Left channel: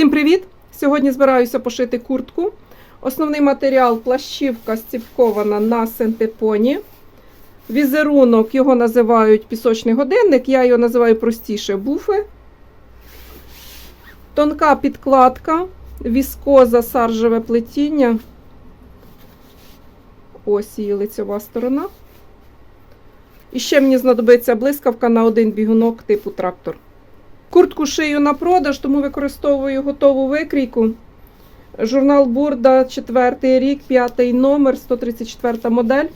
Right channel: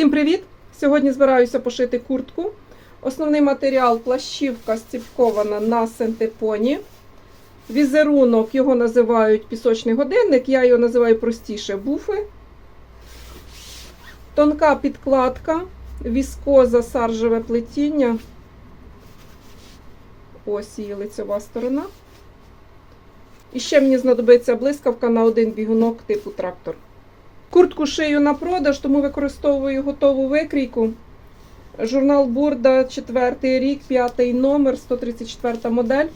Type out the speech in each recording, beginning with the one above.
Всім привіт! Сьогодні збираюся пошити куртку. Основний матеріал плащівка стіпкована на синтепоні. Візерунок його називають пісочний годинник, я його називаю простіше буфи. Тонка підкладка, віскоза саржеве плетіння. Ось її лицьова сторона. І ще мені знадобиться блискавка на один бігунок типу трактор. Куртку шию на продаж, тому використовую готову викрійку. Журнал Бурда, 4 рік, 5 номер, 134 модель.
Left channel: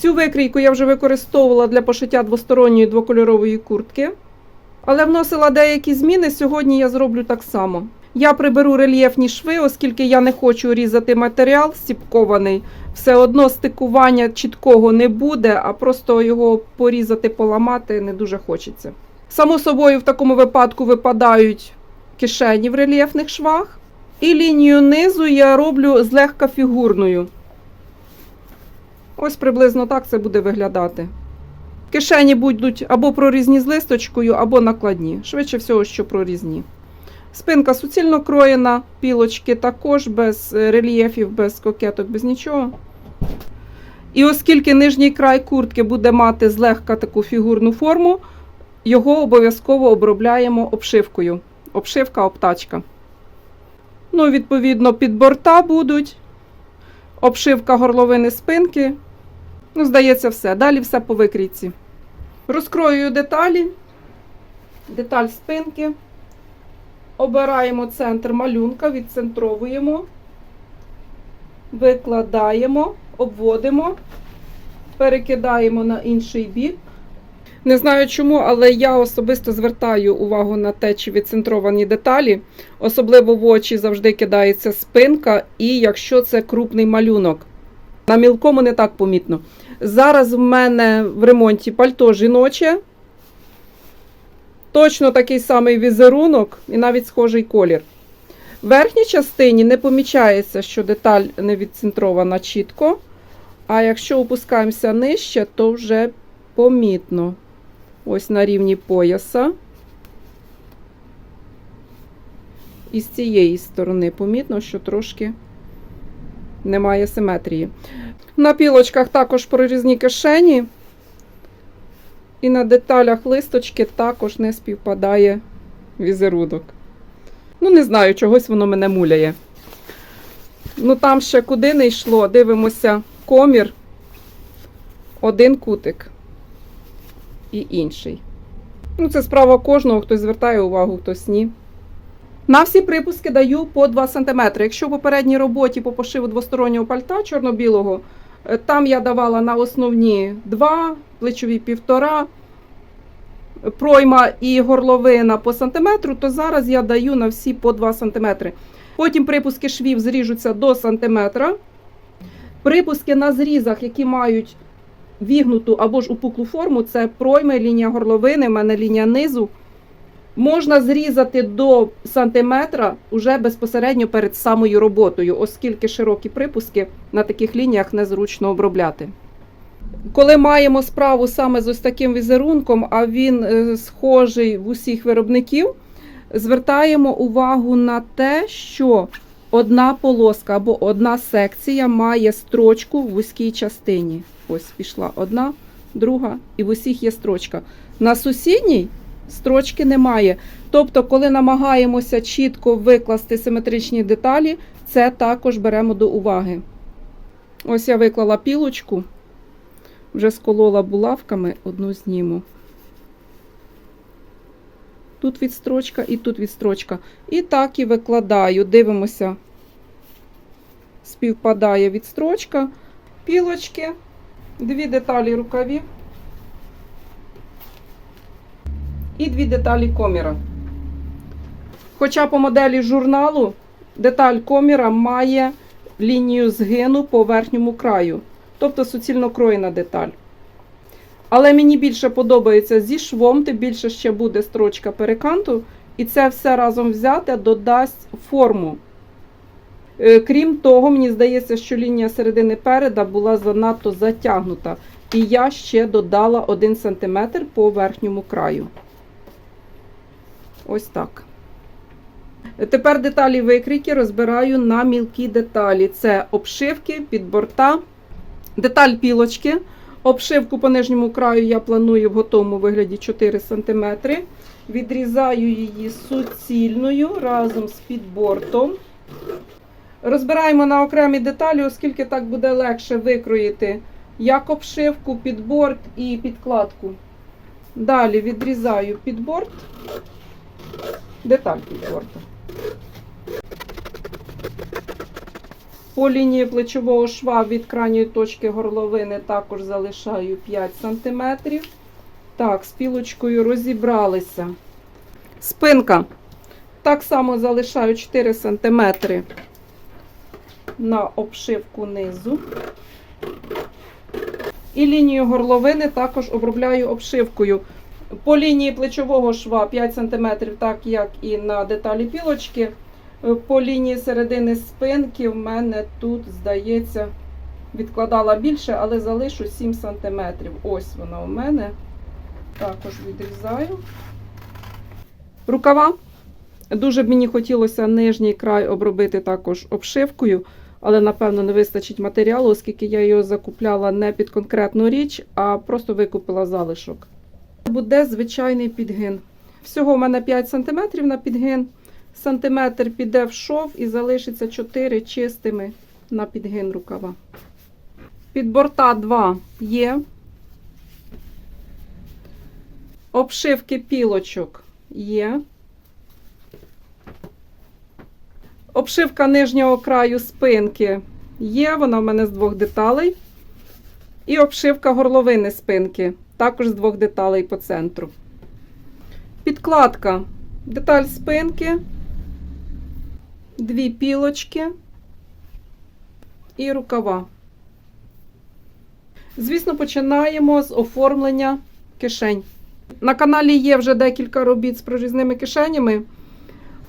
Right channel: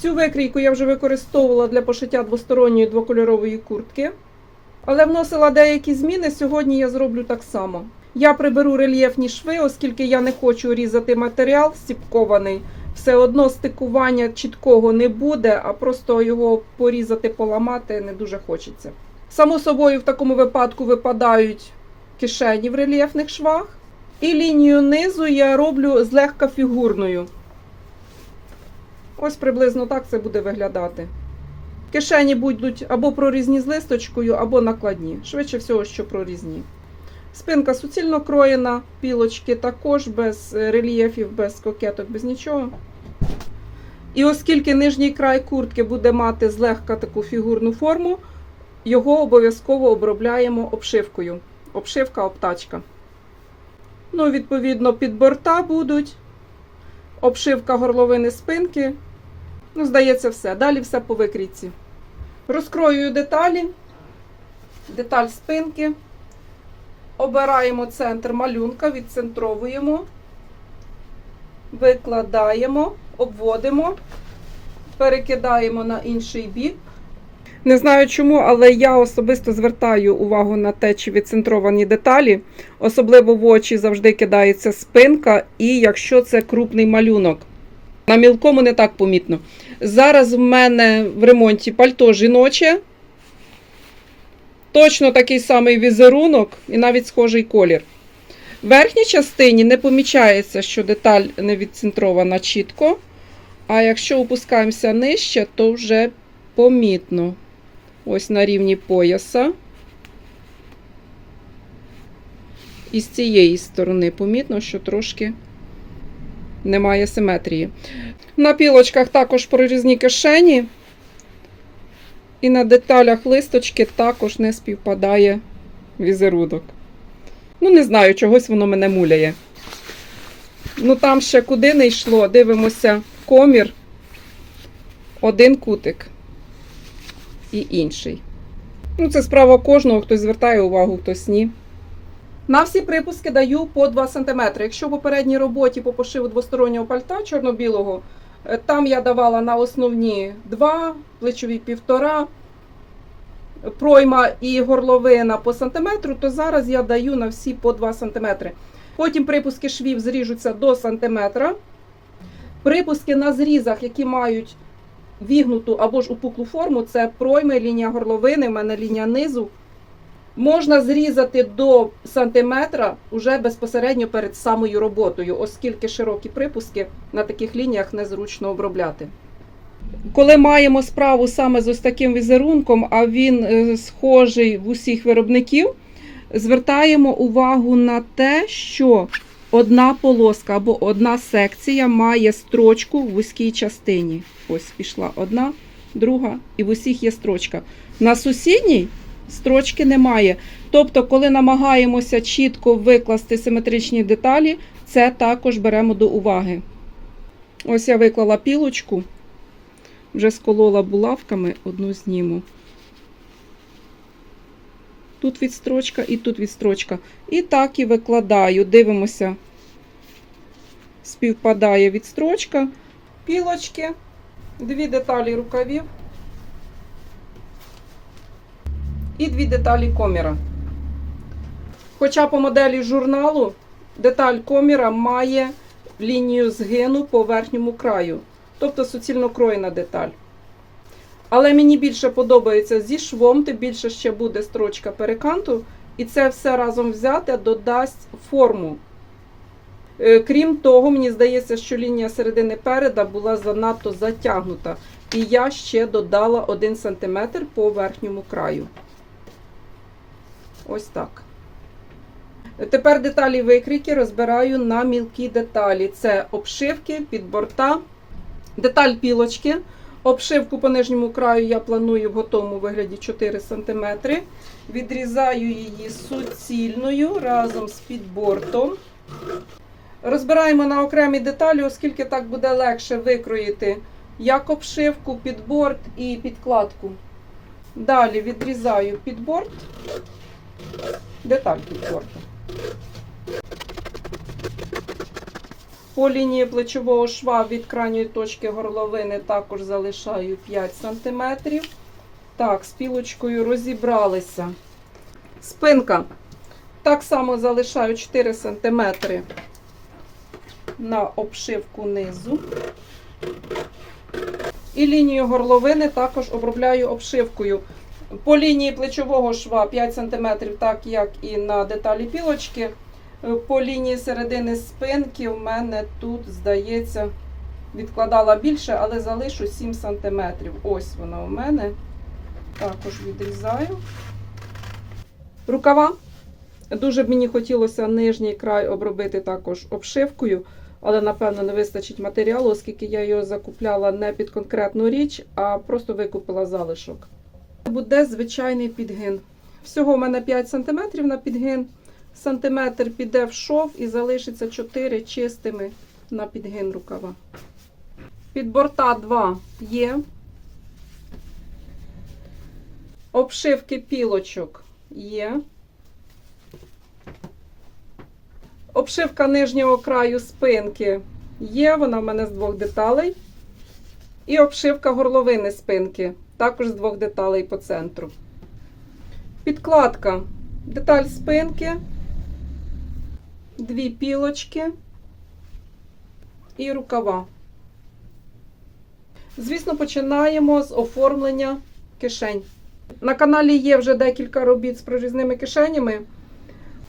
Цю викрійку я вже використовувала для пошиття двосторонньої двокольорової куртки. Але вносила деякі зміни. Сьогодні я зроблю так само. Я приберу рельєфні шви, оскільки я не хочу різати матеріал стіпкований. Все одно стикування чіткого не буде, а просто його порізати, поламати не дуже хочеться. Само собою, в такому випадку випадають кишені в рельєфних швах. І лінію низу я роблю злегка фігурною. Ось приблизно так це буде виглядати. Кишені будуть або прорізні з листочкою, або накладні. Швидше всього, що прорізні. Спинка суцільно кроєна, пілочки також без рельєфів, без кокеток, без нічого. І оскільки нижній край куртки буде мати злегка таку фігурну форму, його обов'язково обробляємо обшивкою. Обшивка, обтачка. Ну, відповідно, під борта будуть. Обшивка горловини спинки. Ну, здається, все. Далі все по викрійці. Розкроюю деталі. Деталь спинки. Обираємо центр малюнка, відцентровуємо, викладаємо, обводимо, перекидаємо на інший бік. Не знаю чому, але я особисто звертаю увагу на те, чи відцентровані деталі. Особливо в очі завжди кидається спинка, і якщо це крупний малюнок. На мілкому не так помітно. Зараз в мене в ремонті пальто жіноче. Точно такий самий візерунок і навіть схожий колір. В верхній частині не помічається, що деталь не відцентрована чітко. А якщо опускаємося нижче, то вже помітно. Ось на рівні пояса. І з цієї сторони помітно, що трошки немає симетрії. На пілочках також прорізні кишені. І на деталях листочки також не співпадає візерунок. Ну, не знаю, чогось воно мене муляє. Ну, там ще куди не йшло, дивимося комір, один кутик і інший. Ну, це справа кожного, хтось звертає увагу, хтось ні. На всі припуски даю по 2 см. Якщо в попередній роботі по пошиву двостороннього пальта чорно-білого, е, там я давала на основні 2, плечові 1,5, пройма і горловина по сантиметру, то зараз я даю на всі по 2 см. Потім припуски швів зріжуться до сантиметра. Припуски на зрізах, які мають вігнуту або ж упуклу форму, це пройми, лінія горловини, в мене лінія низу. Можна зрізати до сантиметра уже безпосередньо перед самою роботою, оскільки широкі припуски на таких лініях незручно обробляти. Коли маємо справу саме з ось таким візерунком, а він е, схожий в усіх виробників, звертаємо увагу на те, що одна полоска або одна секція має строчку в вузькій частині. Ось пішла одна, друга, і в усіх є строчка. На сусідній строчки немає. Тобто, коли намагаємося чітко викласти симетричні деталі, це також беремо до уваги. Ось я виклала пілочку, вже сколола булавками, одну зніму. Тут відстрочка і тут відстрочка. І так і викладаю. Дивимося, співпадає відстрочка, пілочки, дві деталі рукавів і дві деталі коміра. Хоча по моделі журналу деталь коміра має лінію згину по верхньому краю, тобто суцільно кроєна деталь. Але мені більше подобається зі швом, тим більше ще буде строчка переканту, і це все разом взяте додасть форму. Е, Крім того, мені здається, що лінія середини переда була занадто затягнута. І я ще додала 1 см по верхньому краю. Ось так. Тепер деталі викрійки розбираю на мілкі деталі. Це обшивки, підборта, деталь пілочки. Обшивку по нижньому краю я планую в готовому вигляді 4 см. Відрізаю її суцільною разом з підбортом. Розбираємо на окремі деталі, оскільки так буде легше викроїти як обшивку, підборт і підкладку. Далі відрізаю підборт, деталь підборту. По лінії плечового шва від крайньої точки горловини також залишаю 5 см. Так, з пілочкою розібралися. Спинка. Так само залишаю 4 см на обшивку низу. І лінію горловини також обробляю обшивкою. По лінії плечового шва 5 см, так як і на деталі пілочки. По лінії середини спинки в мене тут, здається, відкладала більше, але залишу 7 см. Ось вона у мене. Також відрізаю. Рукава. Дуже б мені хотілося нижній край обробити також обшивкою, але, напевно, не вистачить матеріалу, оскільки я його закупляла не під конкретну річ, а просто викупила залишок. Буде звичайний підгин. Всього у мене 5 см на підгин. Сантиметр піде в шов і залишиться 4 чистими на підгин рукава. Під борта 2 є. Обшивки пілочок є. Обшивка нижнього краю спинки є, вона в мене з двох деталей. І обшивка горловини спинки, також з двох деталей по центру. Підкладка. Деталь спинки, дві пілочки і рукава. Звісно, починаємо з оформлення кишень. На каналі є вже декілька робіт з прорізними кишенями.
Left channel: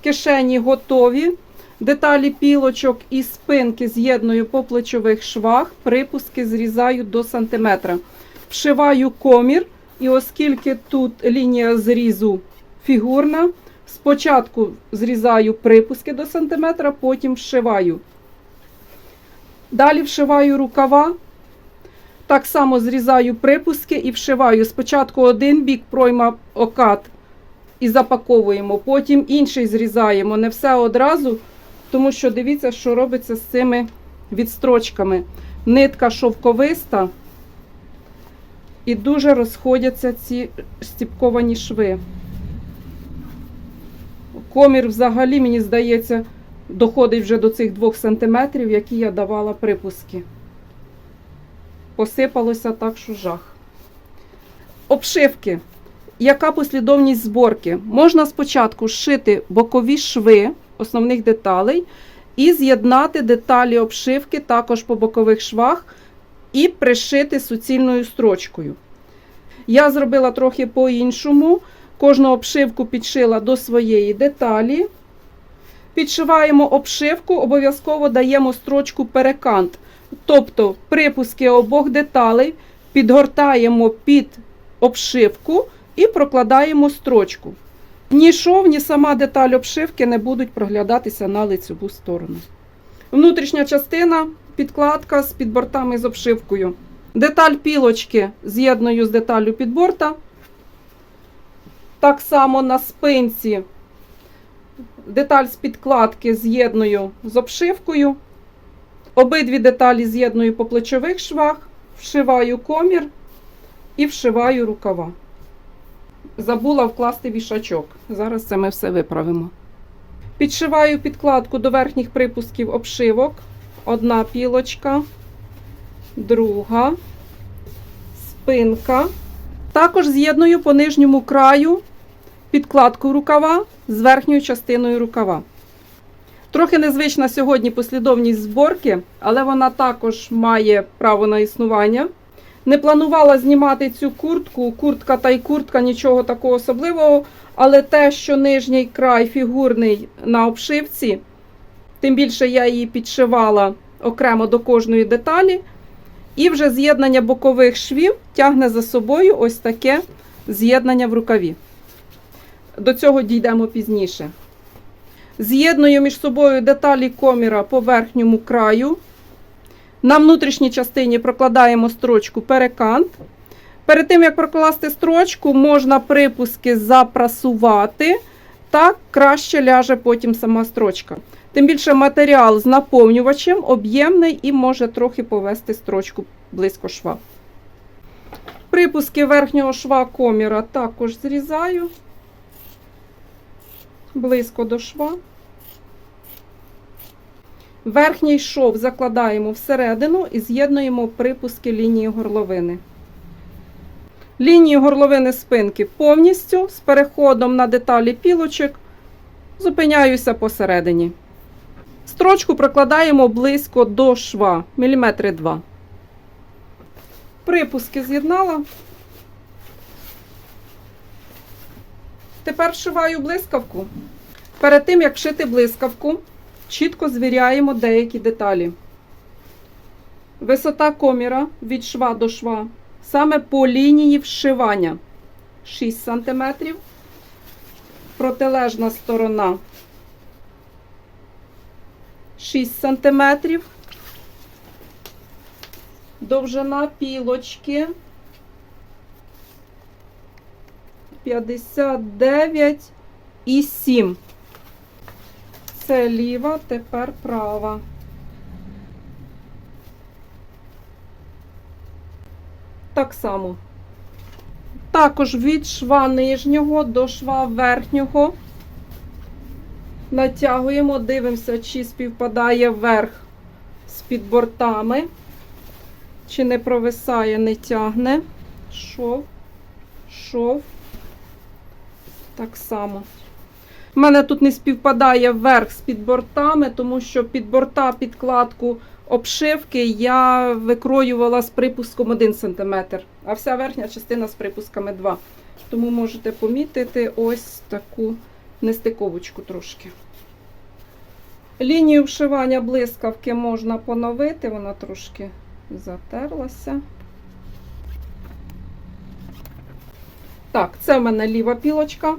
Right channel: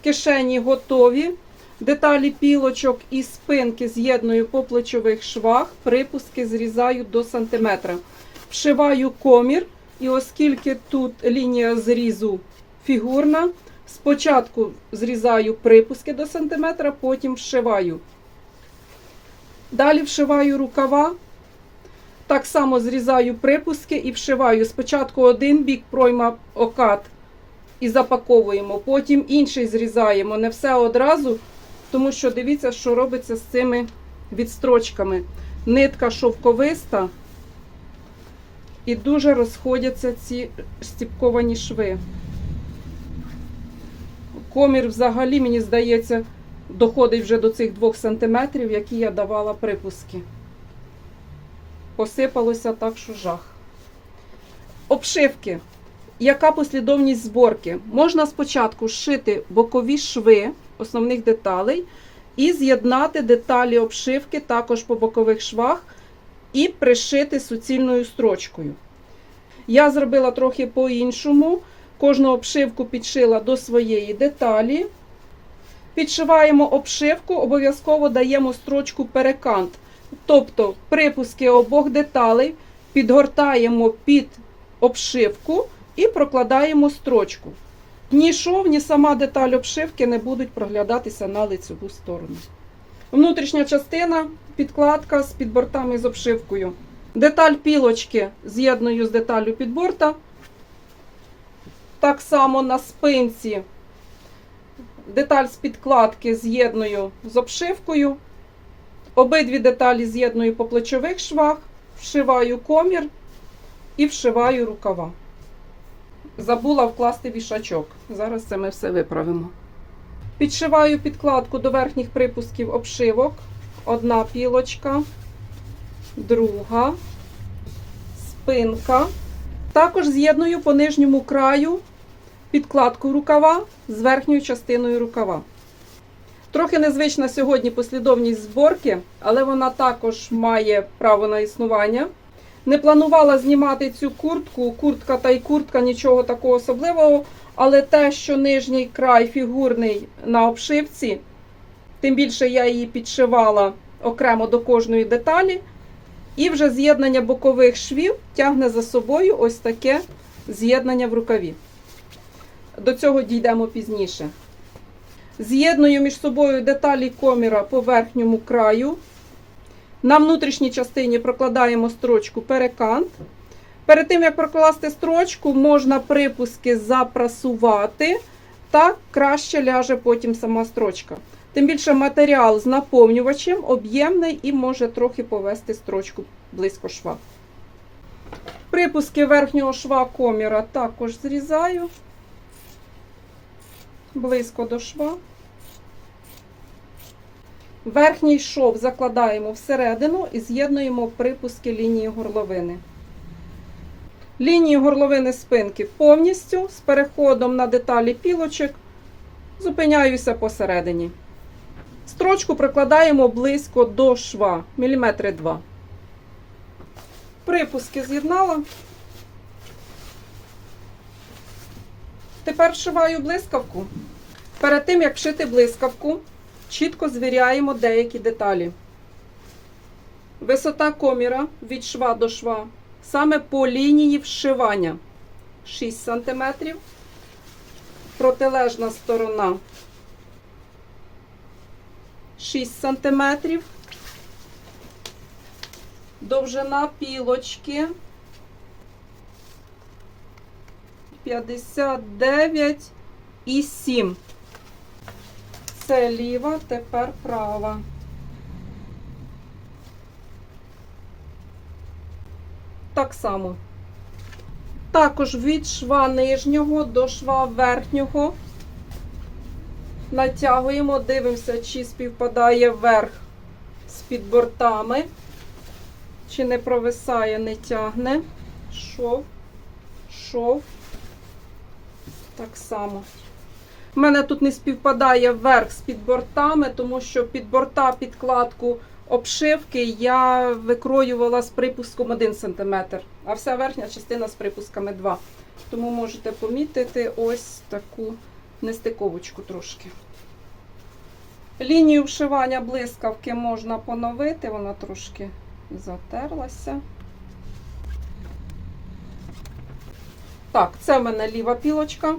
Кишені готові. Деталі пілочок і спинки з'єдную по плечових швах, припуски зрізаю до сантиметра. Вшиваю комір, і оскільки тут лінія зрізу фігурна, спочатку зрізаю припуски до сантиметра, потім вшиваю. Далі вшиваю рукава. Так само зрізаю припуски і вшиваю. Спочатку один бік пройма окат і запаковуємо, потім інший зрізаємо. Не все одразу. Тому що дивіться, що робиться з цими відстрочками. Нитка шовковиста і дуже розходяться ці стіпковані шви. Комір взагалі, мені здається, доходить вже до цих 2 см, які я давала припуски. Посипалося так, що жах. Обшивки. Яка послідовність зборки? Можна спочатку зшити бокові шви основних деталей і з'єднати деталі обшивки також по бокових швах і пришити суцільною строчкою. Я зробила трохи по-іншому. Кожну обшивку підшила до своєї деталі. Підшиваємо обшивку, обов'язково даємо строчку перекант. Тобто припуски обох деталей підгортаємо під обшивку і прокладаємо строчку. Ні шов, ні сама деталь обшивки не будуть проглядатися на лицеву сторону. Внутрішня частина підкладка з підбортами з обшивкою. Деталь пілочки з'єдную з деталлю підборта. Так само на спинці деталь з підкладки з'єдную з обшивкою. Обидві деталі з'єдную по плечових швах, вшиваю комір і вшиваю рукава забула вкласти вішачок. Зараз це ми все виправимо. Підшиваю підкладку до верхніх припусків обшивок. Одна пілочка, друга, спинка. Також з'єдную по нижньому краю підкладку рукава з верхньою частиною рукава. Трохи незвична сьогодні послідовність зборки, але вона також має право на існування. Не планувала знімати цю куртку, куртка та й куртка, нічого такого особливого. Але те, що нижній край фігурний на обшивці, тим більше я її підшивала окремо до кожної деталі. І вже з'єднання бокових швів тягне за собою ось таке з'єднання в рукаві. До цього дійдемо пізніше. З'єдную між собою деталі коміра по верхньому краю. На внутрішній частині прокладаємо строчку перекант. Перед тим, як прокласти строчку, можна припуски запрасувати. Так краще ляже потім сама строчка. Тим більше матеріал з наповнювачем об'ємний і може трохи повести строчку близько шва. Припуски верхнього шва коміра також зрізаю близько до шва. Верхній шов закладаємо всередину і з'єднуємо припуски лінії горловини. Лінії горловини спинки повністю з переходом на деталі пілочок зупиняюся посередині. Строчку прокладаємо близько до шва, міліметри 2. Припуски з'єднала. Тепер вшиваю блискавку. Перед тим, як вшити блискавку, чітко звіряємо деякі деталі. Висота коміра від шва до шва саме по лінії вшивання 6 см. Протилежна сторона 6 см. Довжина пілочки 59 і 7. Це ліва, тепер права. Так само. Також від шва нижнього до шва верхнього натягуємо, дивимося, чи співпадає верх з підбортами, чи не провисає, не тягне. Шов, шов. Так само. У мене тут не співпадає верх з підбортами, тому що під борта підкладку обшивки я викроювала з припуском 1 см, а вся верхня частина з припусками 2 Тому можете помітити ось таку нестиковочку трошки. Лінію вшивання блискавки можна поновити, вона трошки затерлася. Так, це в мене ліва пілочка.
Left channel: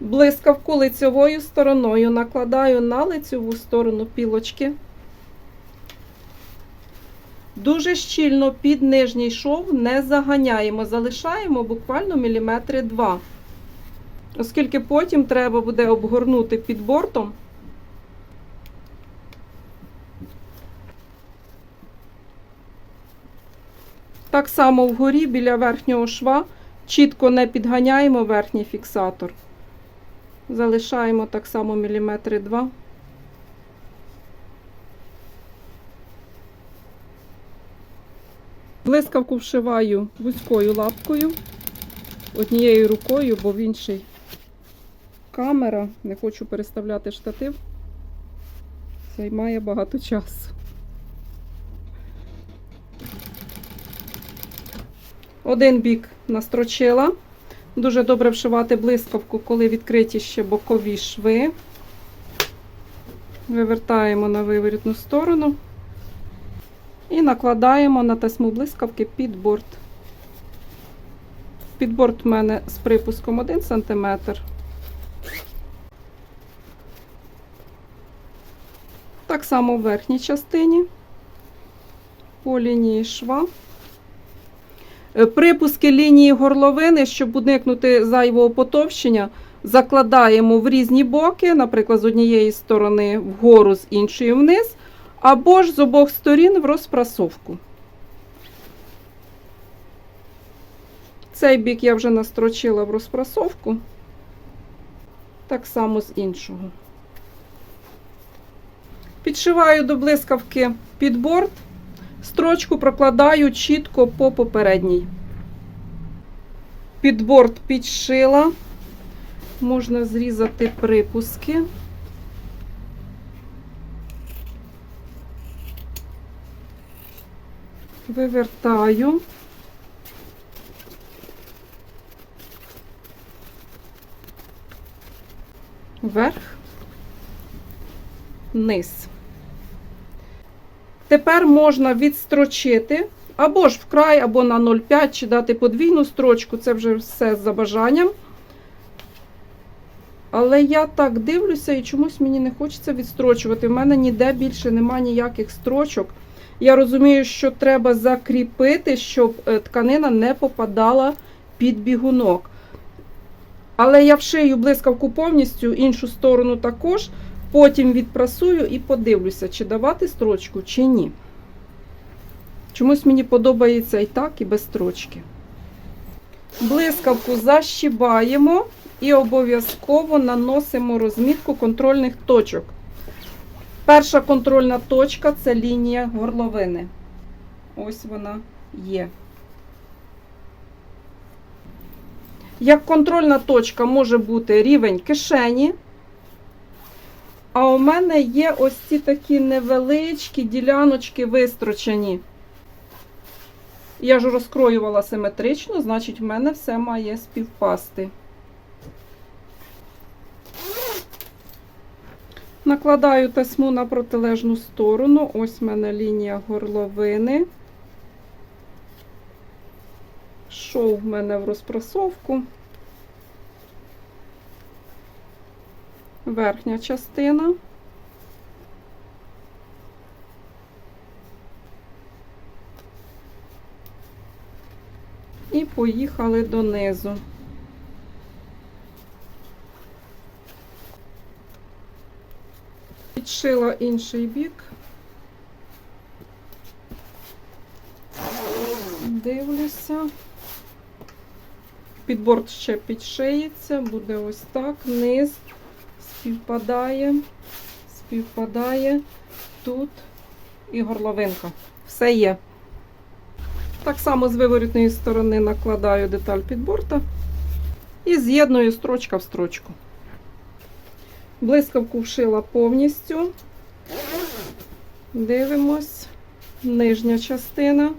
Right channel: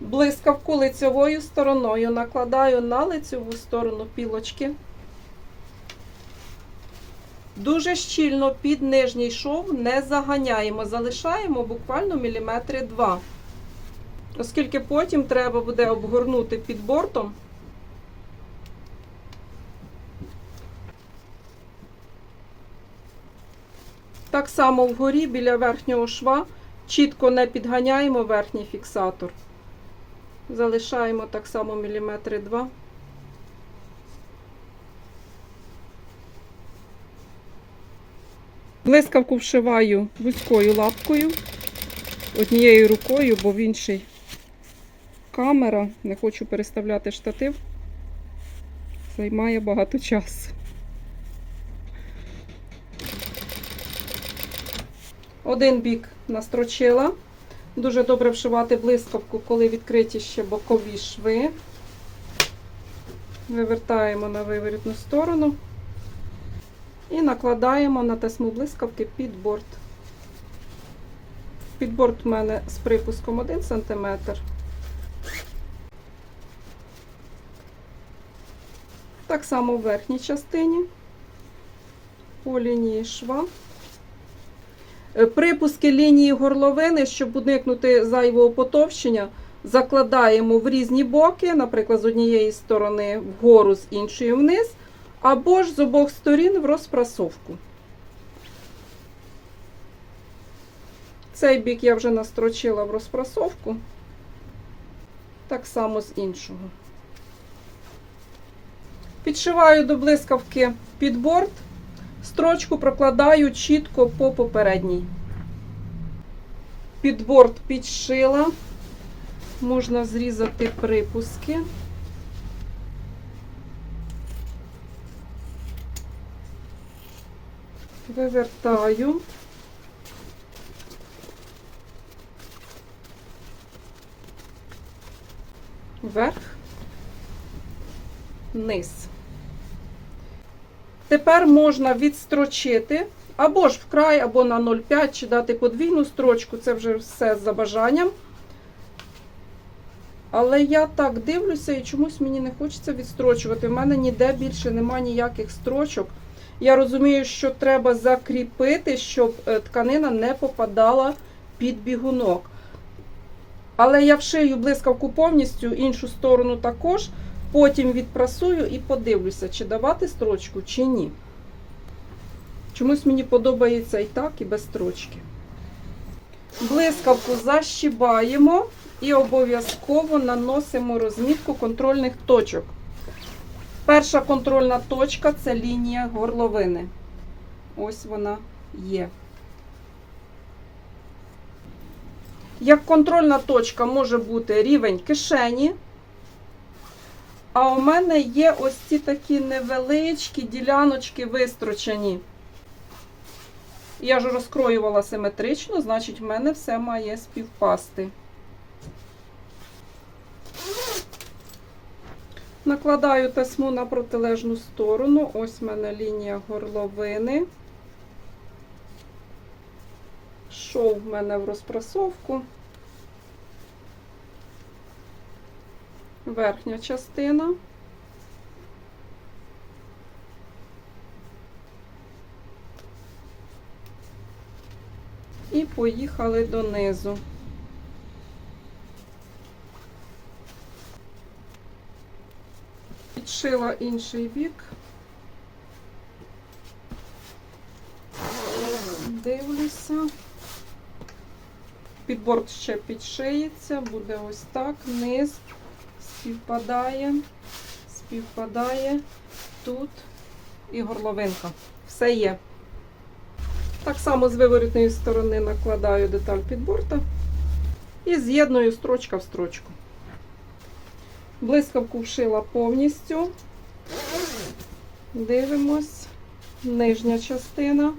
Блискавку лицевою стороною накладаю на лицеву сторону пілочки. Дуже щільно під нижній шов не заганяємо, залишаємо буквально міліметри 2. Оскільки потім треба буде обгорнути під бортом. Так само вгорі біля верхнього шва чітко не підганяємо верхній фіксатор. Залишаємо так само міліметри 2. Блискавку вшиваю вузькою лапкою, однією рукою, бо в іншій камера. Не хочу переставляти штатив. Займає багато часу. Один бік настрочила. Дуже добре вшивати блискавку, коли відкриті ще бокові шви. Вивертаємо на виворітну сторону і накладаємо на тесьму блискавки під борт. Під борт в мене з припуском 1 см. Так само в верхній частині по лінії шва. Е, Припуски лінії горловини, щоб уникнути зайвого потовщення, закладаємо в різні боки, наприклад, з однієї сторони вгору, з іншої вниз, або ж з обох сторін в розпрасовку. Цей бік я вже настрочила в розпрасовку, так само з іншого. Підшиваю до блискавки під борт. Строчку прокладаю чітко по попередній. Під борт підшила, можна зрізати припуски. Вивертаю. Вверх, вниз. Тепер можна відстрочити або ж вкрай, або на 0,5, чи дати подвійну строчку, це вже все за бажанням. Але я так дивлюся і чомусь мені не хочеться відстрочувати. У мене ніде більше нема ніяких строчок. Я розумію, що треба закріпити, щоб е, тканина не попадала під бігунок. Але я вшию блискавку повністю, іншу сторону також. Потім відпрасую і подивлюся, чи давати строчку, чи ні. Чомусь мені подобається і так, і без строчки. Блискавку защібаємо і обов'язково наносимо розмітку контрольних точок. Перша контрольна точка це лінія горловини. Ось вона є. Як контрольна точка може бути рівень кишені. А у мене є ось ці такі невеличкі діляночки вистрочені. Я ж розкроювала симетрично, значить, в мене все має співпасти. Накладаю тесьму на протилежну сторону. Ось в мене лінія горловини. Шов в мене в розпрасовку. Верхня частина. І поїхали донизу. Підшила інший бік. Дивлюся. Підборд ще підшиється, буде ось так, низ співпадає, співпадає тут і горловинка. Все є. Так само з виворітної сторони накладаю деталь підборта і з'єдную строчка в строчку. Блискавку вшила повністю. Дивимось. Нижня частина.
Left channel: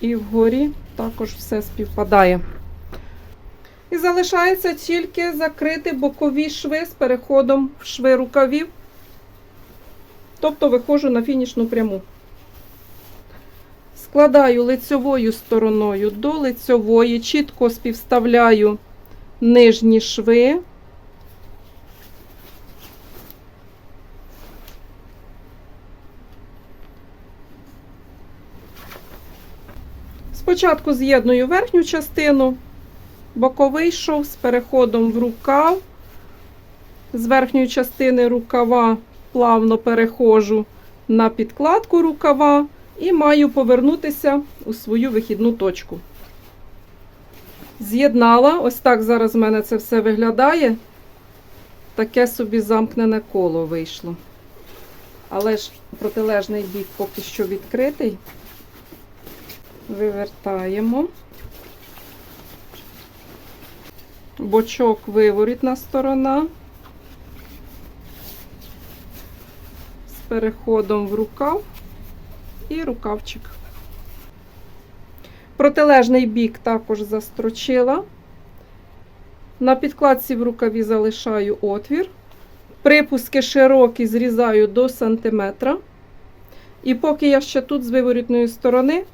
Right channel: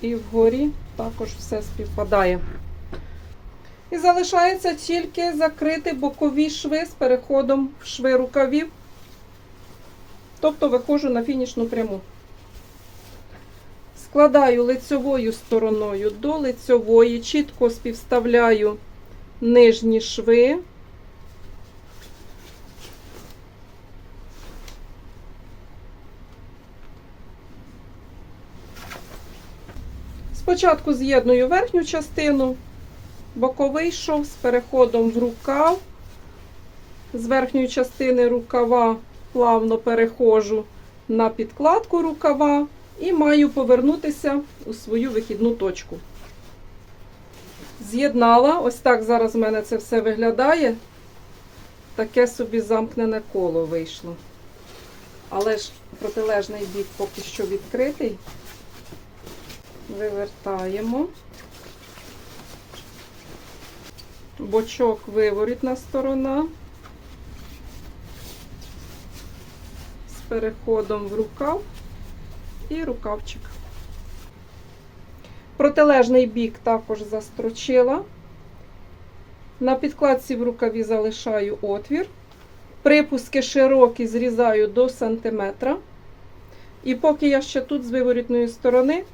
І вгорі також все співпадає. І залишається тільки закрити бокові шви з переходом в шви рукавів. Тобто виходжу на фінішну пряму. Складаю лицьовою стороною до лицьової, чітко співставляю нижні шви. Спочатку з'єдную верхню частину, боковий шов з переходом в рукав. З верхньої частини рукава плавно переходжу на підкладку рукава і маю повернутися у свою вихідну точку. З'єднала, ось так зараз в мене це все виглядає. Таке собі замкнене коло вийшло. Але ж протилежний бік поки що відкритий. Вивертаємо. Бочок виворітна сторона. З переходом в рукав і рукавчик. Протилежний бік також застрочила. На підкладці в рукаві залишаю отвір. Припуски широкі зрізаю до сантиметра. І поки я ще тут з виворітної сторони,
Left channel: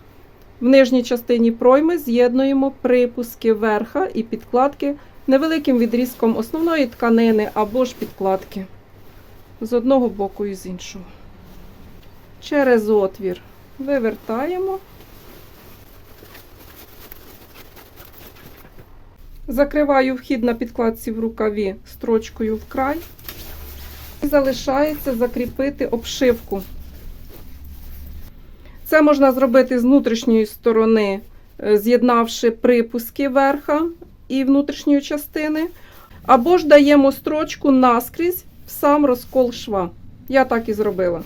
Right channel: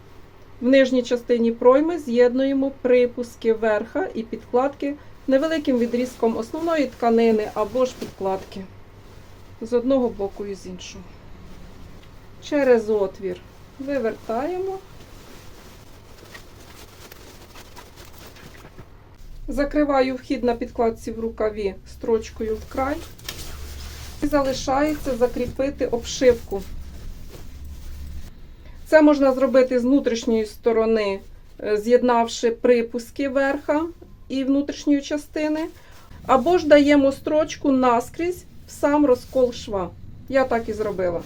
в нижній частині пройми з'єднуємо припуски верха і підкладки невеликим відрізком основної тканини або ж підкладки. З одного боку і з іншого. Через отвір вивертаємо. Закриваю вхід на підкладці в рукаві строчкою в край. І залишається закріпити обшивку. Це можна зробити з внутрішньої сторони, е, з'єднавши припуски верха і внутрішньої частини. Або ж даємо строчку наскрізь в сам розкол шва. Я так і зробила.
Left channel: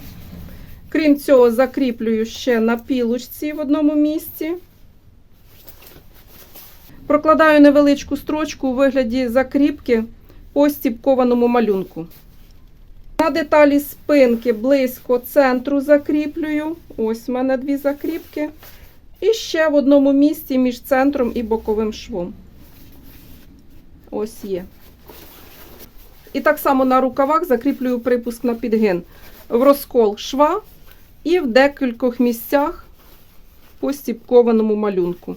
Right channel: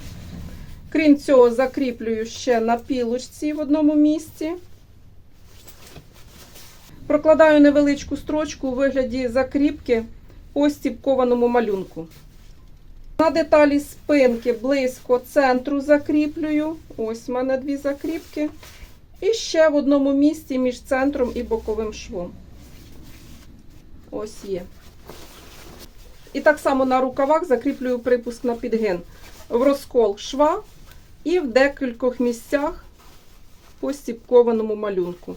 Крім цього, закріплюю ще на пілочці в одному місці. Прокладаю невеличку строчку у вигляді закріпки по стіпкованому малюнку. На деталі спинки близько центру закріплюю. Ось в мене дві закріпки. І ще в одному місці між центром і боковим швом. Ось є. І так само на рукавах закріплюю припуск на підгин в розкол шва і в декількох місцях по стіпкованому малюнку.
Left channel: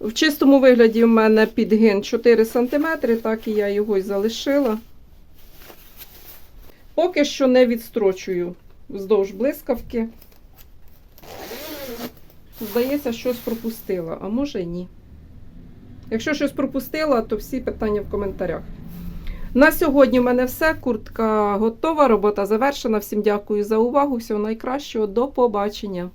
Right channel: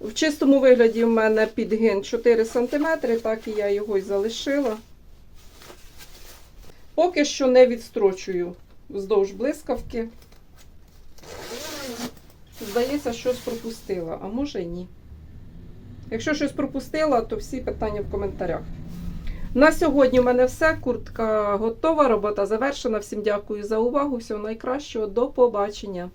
В чистому вигляді в мене підгин 4 см, так і я його й залишила. Поки що не відстрочую вздовж блискавки. Здається, щось пропустила, а може ні. Якщо щось пропустила, то всі питання в коментарях. На сьогодні в мене все. Куртка готова, робота завершена. Всім дякую за увагу. Всього найкращого. До побачення.